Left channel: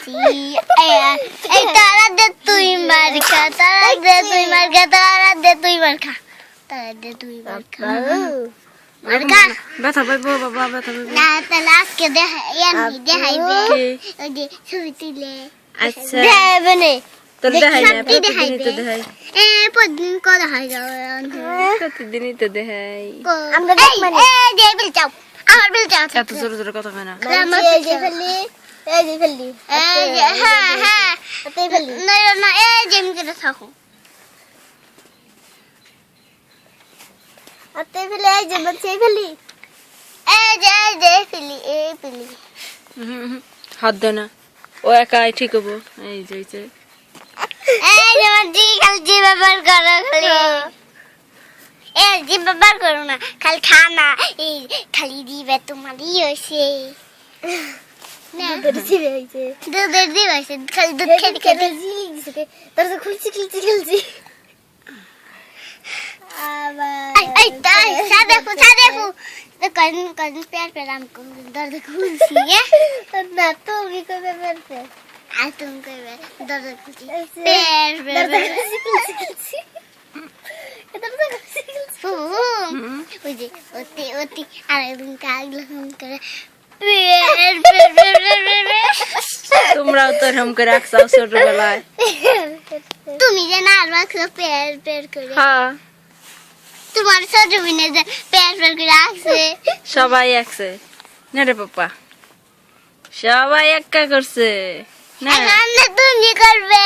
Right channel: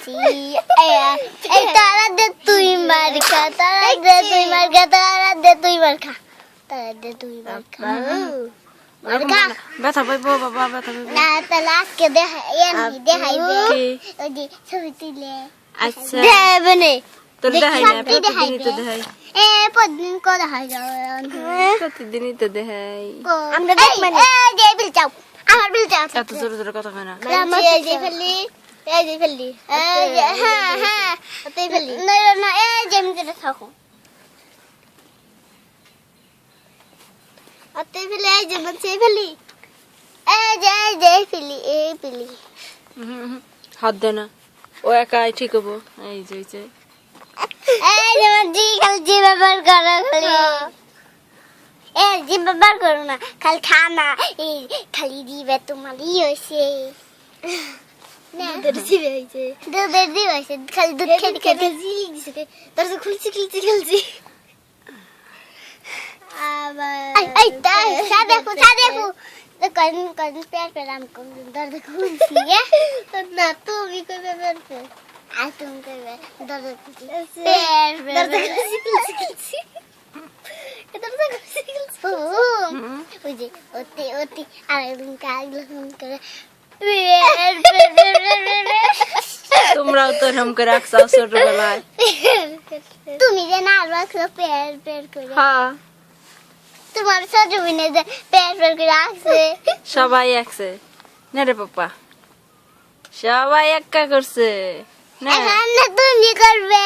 এই তারা দে তুই মার খা তারা দে তুই মার খা তারা দে তুই মার খা তারা দে তুই মার খা মার খা ব্যথা পাইবো বাবা ব্যথা পাইবো না তাহলে আজকে দেখাইবে ওই যে ছবি তুলে আচ্ছা দেখাইবে না তোর দেখাই না দেখাইবে। প্রতিদিনই তো দেখাই প্রতিদিন করা হয় প্রতিদিনই তো দেখাই আমরা দেখ মানে এই যে বিল চাও আমার বিল চাও এত জোরে জোরে কথা কয় না এই যে ফেললি এই যে ফেললি এই যে হ্যাঁ হ্যাঁ এই ফেললি না না এই যে আমি করে থাকো আতে ফেলে এই যে বলছে ফেললি এই ফেললি এই ফেললি হাত দে না ও একাই ঠিক হবো এই যে হইছে এই যে মাঝি খালি ব্যবহার করো খালি এই যে ব্যবহার করো না খালি খানা এই খালি দিবে তোমারই হয়েছে দুধের দিবে হয়েছে দুধের দিবে হয়েছে খালি দুধ খেতে খেতে দিছে তোর তো খুলছি আবার এই তাই দেখো তো কজন পেয়ার আম কোন দর্দ খুলছি না তুমি কইবে পেয়ার আর তুমি কইবে দর্দ খুলছি পেয়ার দর্দ খুলছি ওই যে অতি আর একদিন কাগলা করে তোমরাও তো এরকম করে রাখছাও ছোটবেলায় তুমি যে না রাখছো পেয়ার করে হ্যাঁ তোমার ছোট বোনে যে পেয়ার করে রাখছে সবাই একছে না রে পাপা সবাই একা করছে না এখন তুমি করবে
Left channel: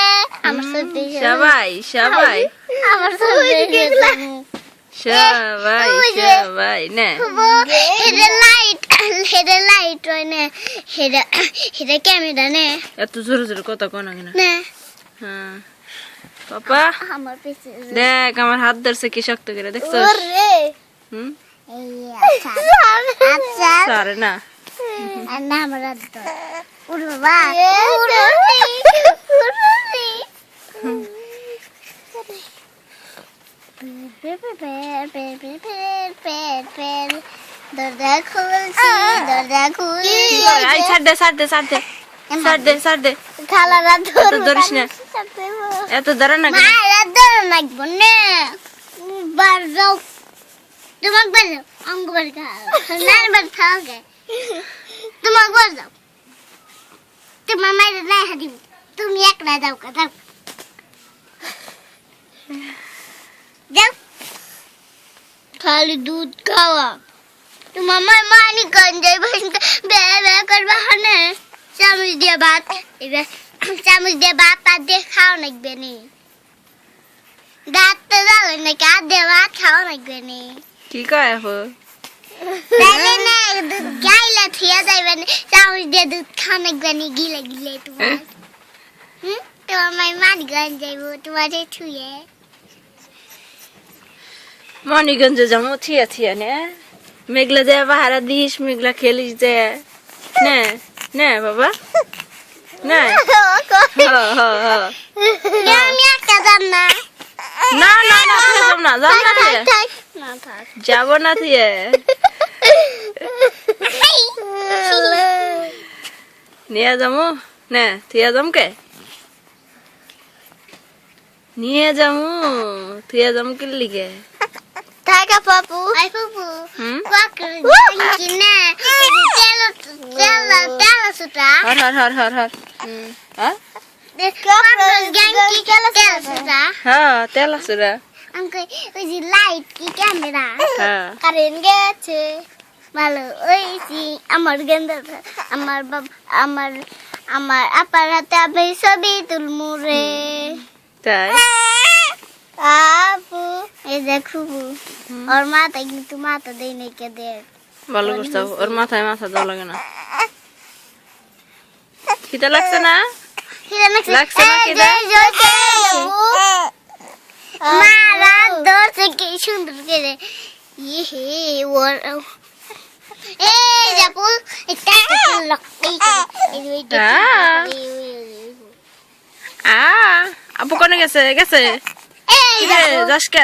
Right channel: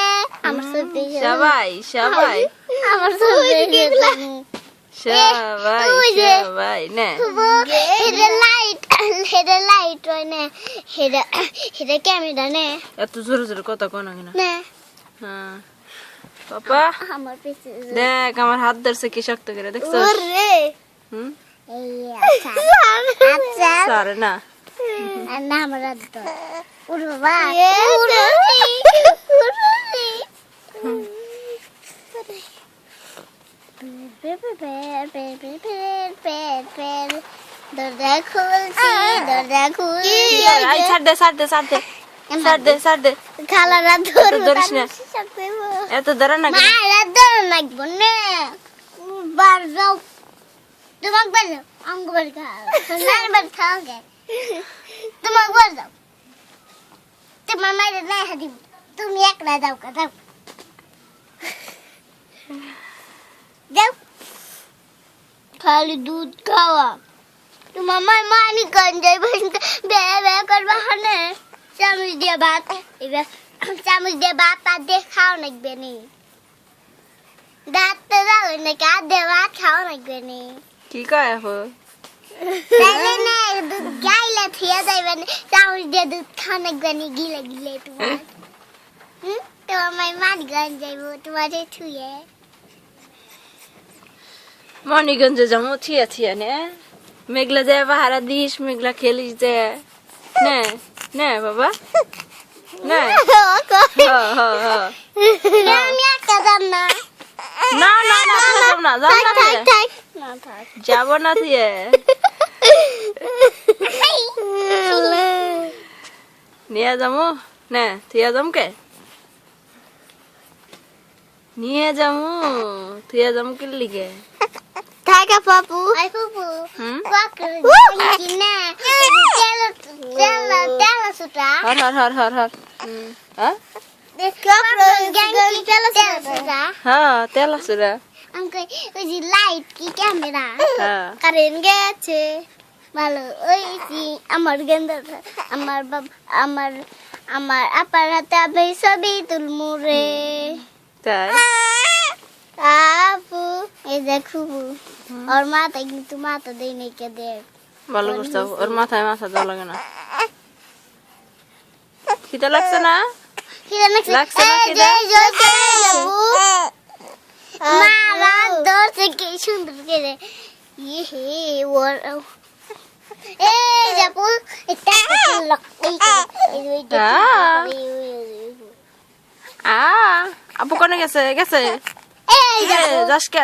আমার ছোট সবাই আমার ছোট সবাই না হেডে লাইট হয় না হেডে ক্যামেরা নে এত জোরে জোরে কথা কয় না কেন না হ্যাঁ পাপা আমার পিছে দেখ আমার হাত ধরছে কি শক্ত করে দেখছো ওরে হুম এই আচ্ছা সারে না না আমার তো উড় বাবা দরজা খুলছি আই ছাড় দে খালারা এত ধরিস না এত ধরে না কেন মারা ধরে লাগবো না বার যাও তোমাকে বার যাও অঙ্গ বার খাও সোনার বার খাও গে তোমাকে বার যাও তোমার মায়ের নাই হাতি তুমি একলা যাও যাও খালি দুধ খাওয়া তোমার মায়ের মানি গঞ্জে বে করবা হনে চামচ দিয়ে ভাত এবার চামচ দিয়ে ভাত আর দিয়ে খাও লাগবে নি দাঁত তো যাবে না কার দিয়ে ভাত খাও লাগবে নি কি কয় আপু তাহলে না দুধ গাইলে থিয়া যাইবে না চামচ দিয়ে দুধ খাও লাগবে নি গিলে তোমার তোমার মায়ের মানি গঞ্জ যাইব তোমার ছুঁয়ে মণিগঞ্জে যাবো থিয়া নে মেঘলা যায় বাহারা দিস মেঘলা খেলিস যে না বাবা না আমি একটা যাম না যাব না থিয়ে নিয়ে যাবো না থিয়া যামকে নিয়ে যাবো থিয়া যাম কি লিগে Taka papu. Ay papu. Bakır. Ne? Tela sutra. Har. Ha? Genki tela sutra. Ha, tela sutra. Angke ওই যে লাইট কি ক্যামেরা হ্যাঁ কারেন্ট গেছে ভালো ওই যে আমার গেন্দা আমার আমার আপার হাতে আমি ছবি তুলমু রে তাই আপু এই দেখো ওর মাথা কিন্তু মাথা দেই নাই কে দেখ ভালো করছো ওর মাথা দাও লাগে না খিদা লাগছে না লাগছে না খিদা মারা দর্শে কি সুন্দর করে ইয়ে ওর এই যাবো এটা লক্ষ্মী আপু কোনে গেছে এই যাসকে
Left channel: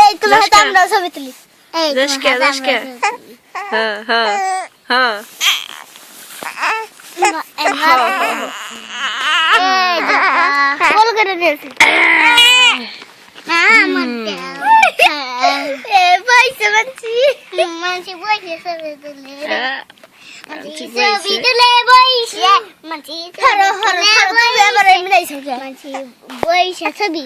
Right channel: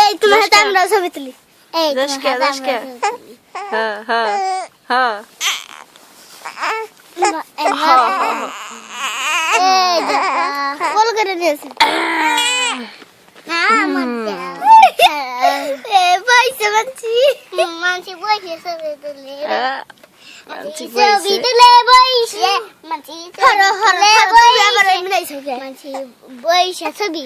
এই তোমার হাতে আমরা ছবি তুলি এই যাসকে হ্যাঁ গোল করে দিয়েছে পয়সা মানছি মানছি পয়সা সবে দিলে ছবি তুলে বইসে মানছি মানছি বইসে ছবি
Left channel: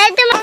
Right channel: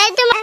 এই তোমার